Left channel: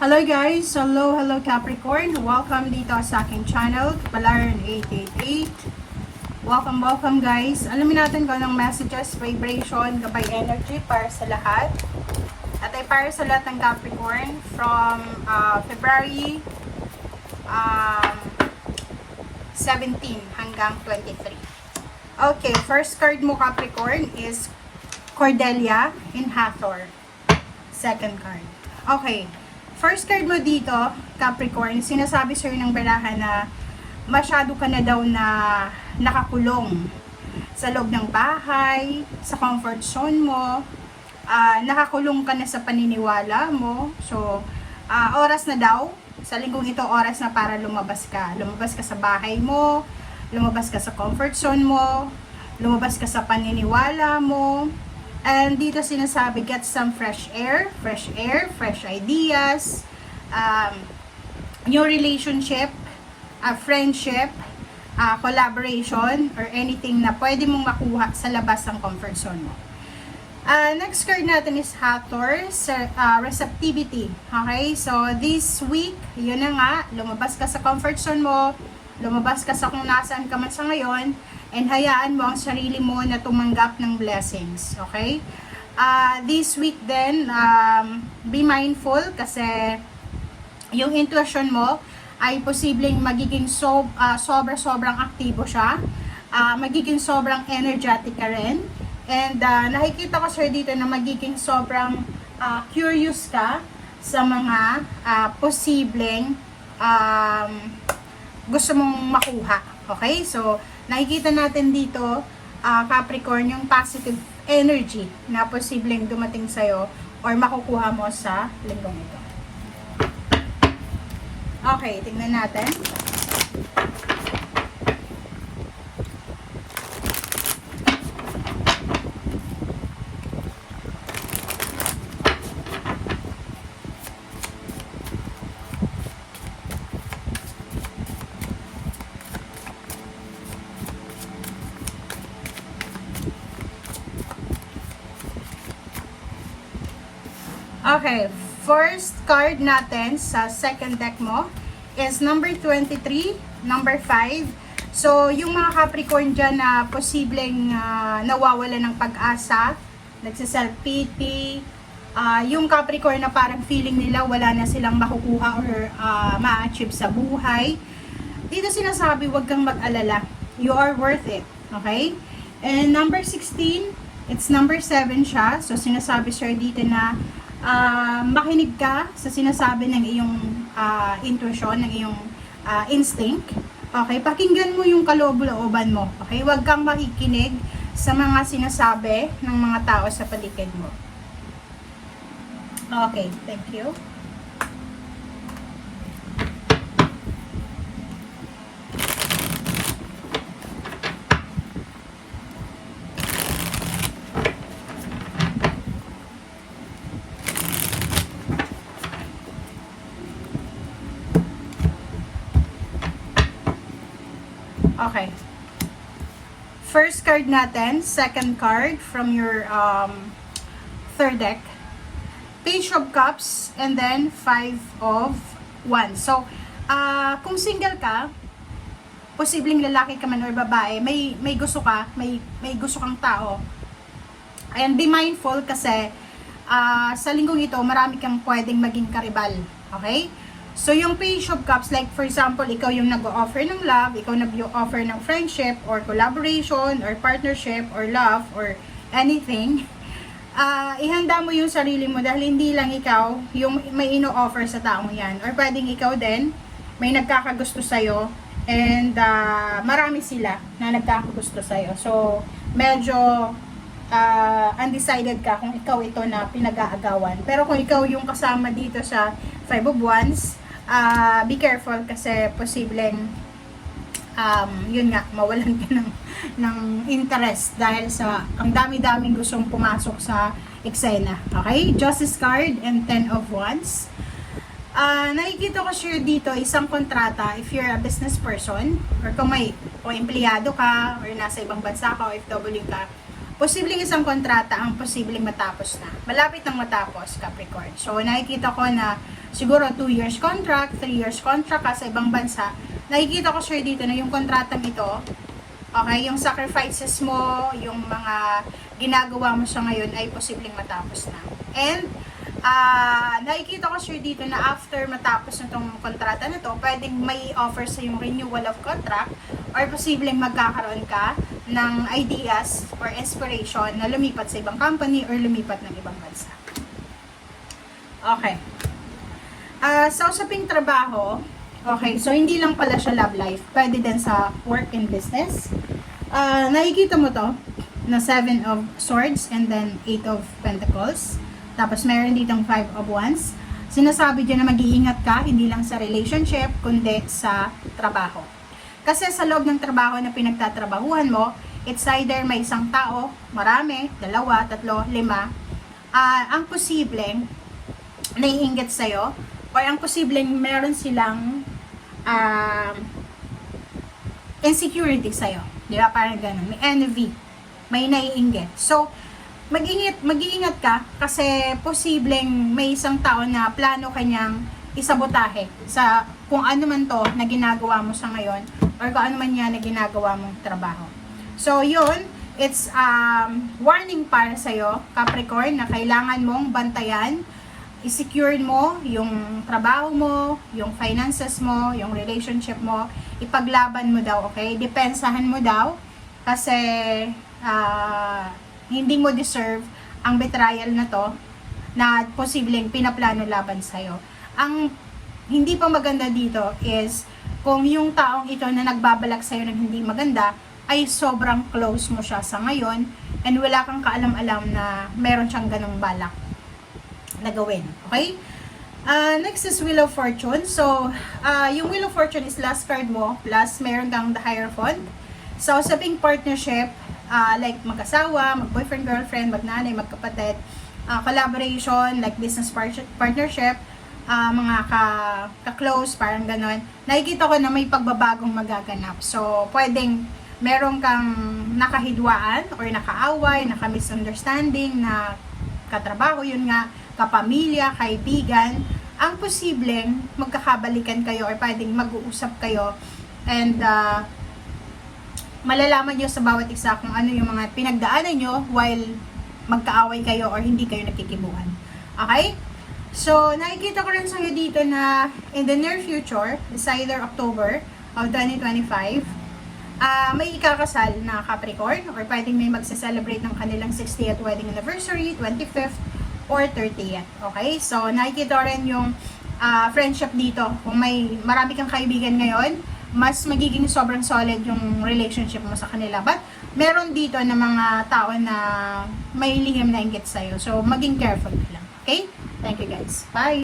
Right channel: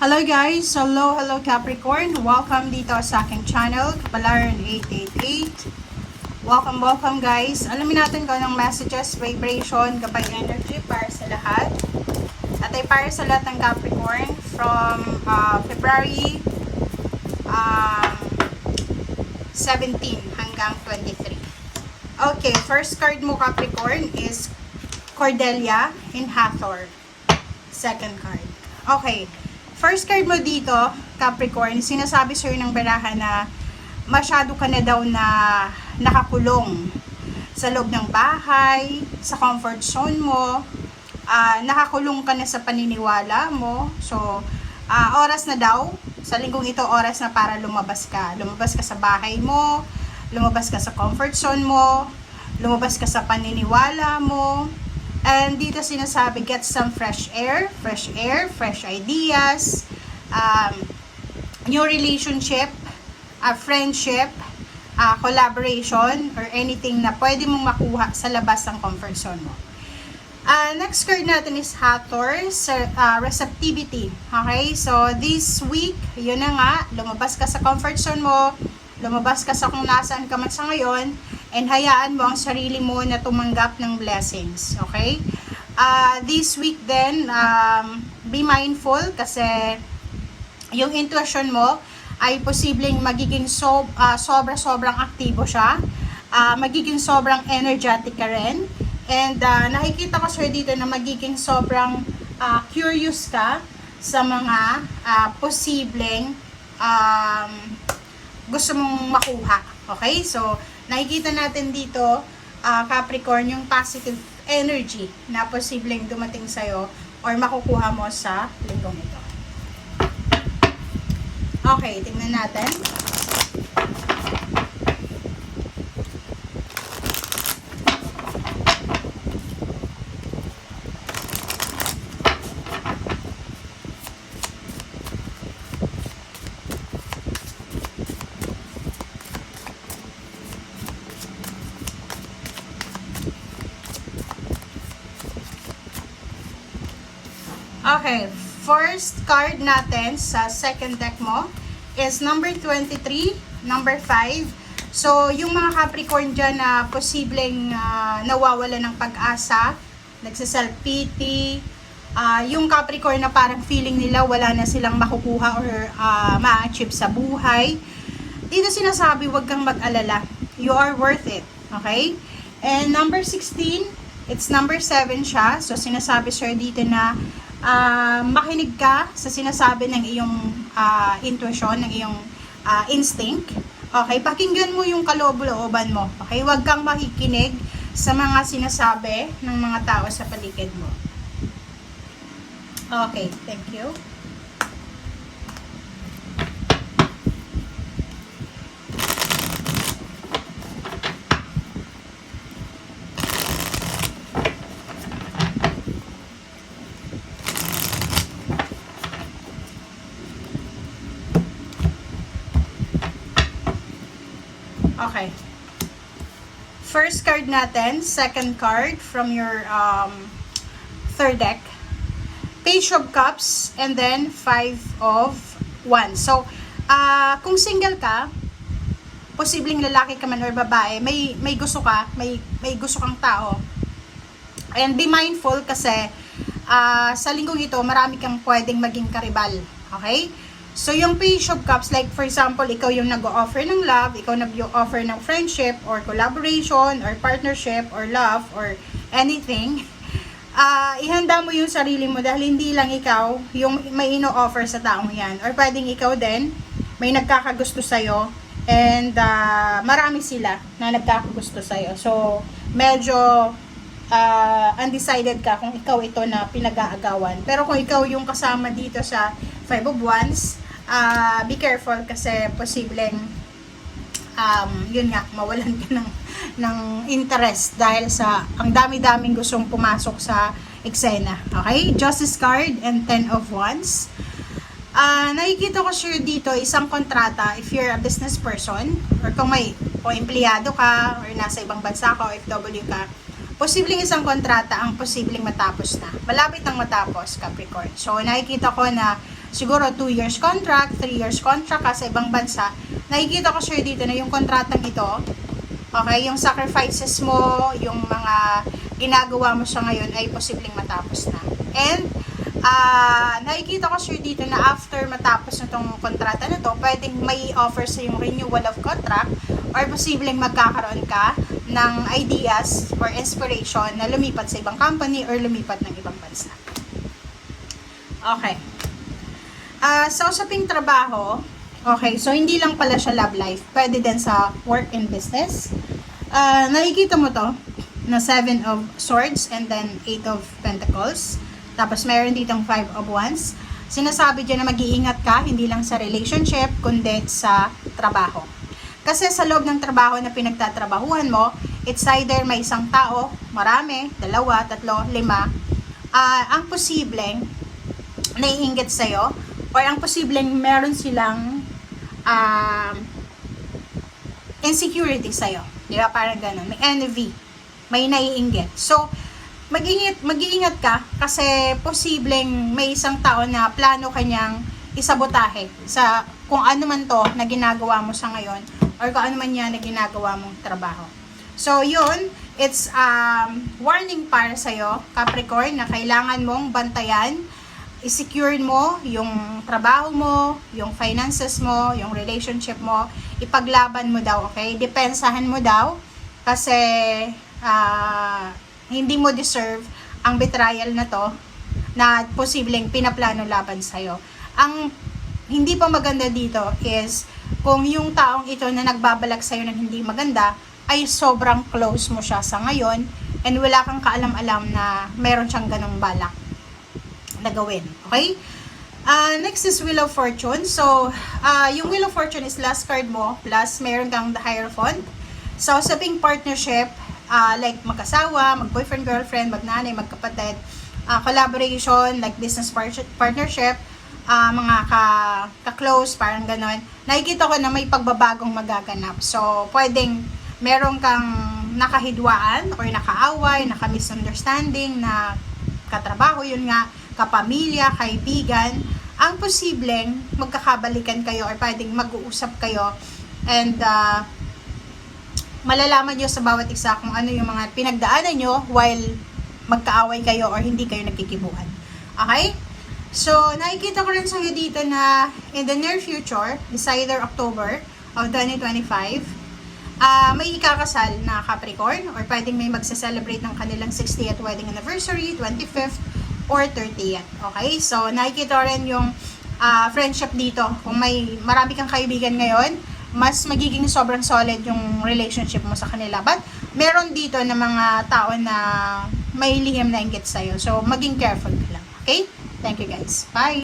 Hello guys! Hello Capricorn! Welcome dito sa aking channel, Kapalaran 888. Welcome guys! Alamin natin kung anong messages, vibration, gabay energy para sa lahat. At ay para sa lahat ng Capricorn from February 17 hanggang 23. Okay, first card mo Capricorn is Cordelia in Hathor. Second card. Okay. First card mo dito, Capricorn, sinasabi sa'yo ng barahan na masyado ka na daw na nakakulong sa loob ng bahay, sa comfort zone mo, nakakulong ka na sa paniniwala mo. So, oras na daw, sa linggong ito, oras na para lumabas ka. Lumabas ka sa bahay mo, lumabas ka sa comfort zone mo, lumabas ka sa paniniwala mo. And dito sinasabi, get some fresh air, fresh ideas, new relationship, friendship, collaboration, or anything na pwede mong makuha sa labas ng comfort zone mo. Next card natin is Hathor, receptivity. Okay, so this week, yun na nga, lumabas ka sa comfort zone mo, lumabas ka sa kung nasaan ka man sa ngayon, and hayaan mo ang sarili mo na tumanggap ng blessings. Okay? This week then, be mindful kasi yung intuition mo ay posibleng magiging sobrang aktibo siya. Magiging sobrang energetic ka rin. And nakikita ko sir dito na magiging sobrang curious ka sa mga posibleng gusto mong makuha. Okay? So, nakikita natin dito, Capricorn, yung positive energy na posibleng dumating sa'yo or makukuha mo sa linggong ito. Okay, tingnan natin. Okay, first card natin sa second deck mo is number 23, number 5. So, yung mga Capricorn dyan na posibleng nawawala ng pag-asa, nagsa-self-pity, yung Capricorn na parang feeling nila wala na silang makukuha or ma-achieve sa buhay. Dito sinasabi, huwag kang mag-alala. You are worth it. Okay? And number 16, it's number 7 siya. So, sinasabi siya dito na makinig ka sa sinasabi ng iyong intuition, ng iyong instinct. Okay, pakinggan mo yung kaloob-looban mo. Okay, huwag kang makikinig sa mga sinasabi ng mga tao sa paligid mo. Okay, thank you. Okay. First card natin, second card from your third deck. Page of Cups and then Five of Wands. So, kung single ka, posibleng lalaki ka man or babae, may gusto ka, may gusto kang tao. And be mindful kasi sa linggong ito, marami kang pwedeng maging karibal. Okay? So, yung Page of Cups, like for example, ikaw yung nag-offer ng love, ikaw nag-offer ng friendship, or collaboration, or partnership, or love, or anything, ihanda mo yung sarili mo dahil hindi lang ikaw yung may ino-offer sa taong yan. Or pwedeng ikaw din, may nagkakagusto sa'yo, and marami sila na nagkakagusto sa'yo. So, medyo undecided ka kung ikaw ito na pinag-aagawan. Pero kung ikaw yung kasama dito sa Five of Wands, be careful kasi posibleng yun nga, mawalan ka ng interest dahil sa ang dami-daming gustong pumasok sa eksena. Okay? Justice card and Ten of Wands. Nakikita ko sure dito isang kontrata if you're a business person or kung empleyado ka or nasa ibang bansa ka o FW ka, posibleng isang kontrata ang posibleng matapos na. Malapit nang matapos, Capricorn. So, nakikita ko na siguro 2 years contract, 3 years contract ka sa ibang bansa, nakikita ko sure dito na yung kontratang ito, okay, yung sacrifices mo, yung mga ginagawa mo sa ngayon ay posibleng matapos na. And, nakikita ko sure dito na after matapos nitong kontrata na to, pwedeng may offer sa yung renewal of contract or posibleng magkakaroon ka ng ideas or inspiration na lumipat sa ibang company or lumipat ng ibang bansa. Okay. Sa usaping trabaho, okay, so hindi lang pala siya love life, pwede din sa work and business. Nakikita mo to, na 7 of Swords and then 8 of Pentacles. Tapos meron ditong 5 of Wands. Sinasabi dyan na mag-iingat ka, hindi lang sa relationship, kundi sa trabaho. Kasi sa loob ng trabaho na pinagtatrabahuhan mo, it's either may isang tao, marami, 2, 3, 5, ang posibleng naiinggit sa'yo, or ang posibleng meron silang insecurity sa'yo. Di ba? Parang ganun. May envy. May naiinggit. So, mag-iingat ka kasi posibleng may isang tao na plano kanyang isabotahe sa kung ano man to na ginagawa mo sa ngayon or kung ano man yan na ginagawa mong trabaho. So, yun, it's warning para sa'yo, Capricorn, na kailangan mong bantayan, i-secure mo yung trabaho mo, yung finances mo, yung relationship mo, ipaglaban mo daw, okay? Depensahan mo daw kasi hindi mo deserve ang betrayal na to na posibleng pinaplano laban sa'yo. Ang hindi pa maganda dito is kung yung taong ito na nagbabalak sa'yo ng hindi maganda ay sobrang close mo siya sa ngayon and wala kang kaalam-alam na meron siyang ganong balak na gawin. Okay? Next is Wheel of Fortune. So, yung Wheel of Fortune is last card mo plus meron kang the Hierophant. So, sabing partnership, like mag-asawa, mag-boyfriend, girlfriend, mag-nanay, magkapatid, collaboration, like business partnership, mga ka-close, parang ganon. Nakikita ko na may pagbabagong magaganap. So, pwedeng meron kang nakahidwaan or nakaaway, naka-misunderstanding na katrabaho, yun nga, kapamilya, kaibigan, ang posibleng magkakabalikan kayo or pwedeng mag-uusap kayo and malalaman nyo sa bawat isa kung ano yung mga pinagdaanan nyo while magkaaway kayo or hindi kayo nagkikibuan. Okay? So, nakikita ko rin sa'yo dito na in the near future, it's either October of 2025, may ikakasal na Capricorn or pwedeng may magsa-celebrate ng kanilang 60th wedding anniversary, 25th, or 30th. Okay? So, nakikita rin yung friendship dito. Kung may marami kang kaibigan ngayon, mas magiging sobrang solid yung relationship mo sa kanila. But, meron dito na mga tao na may lihim na inggit sa'yo. So, maging careful ka lang. Okay? Thank you guys. Bye!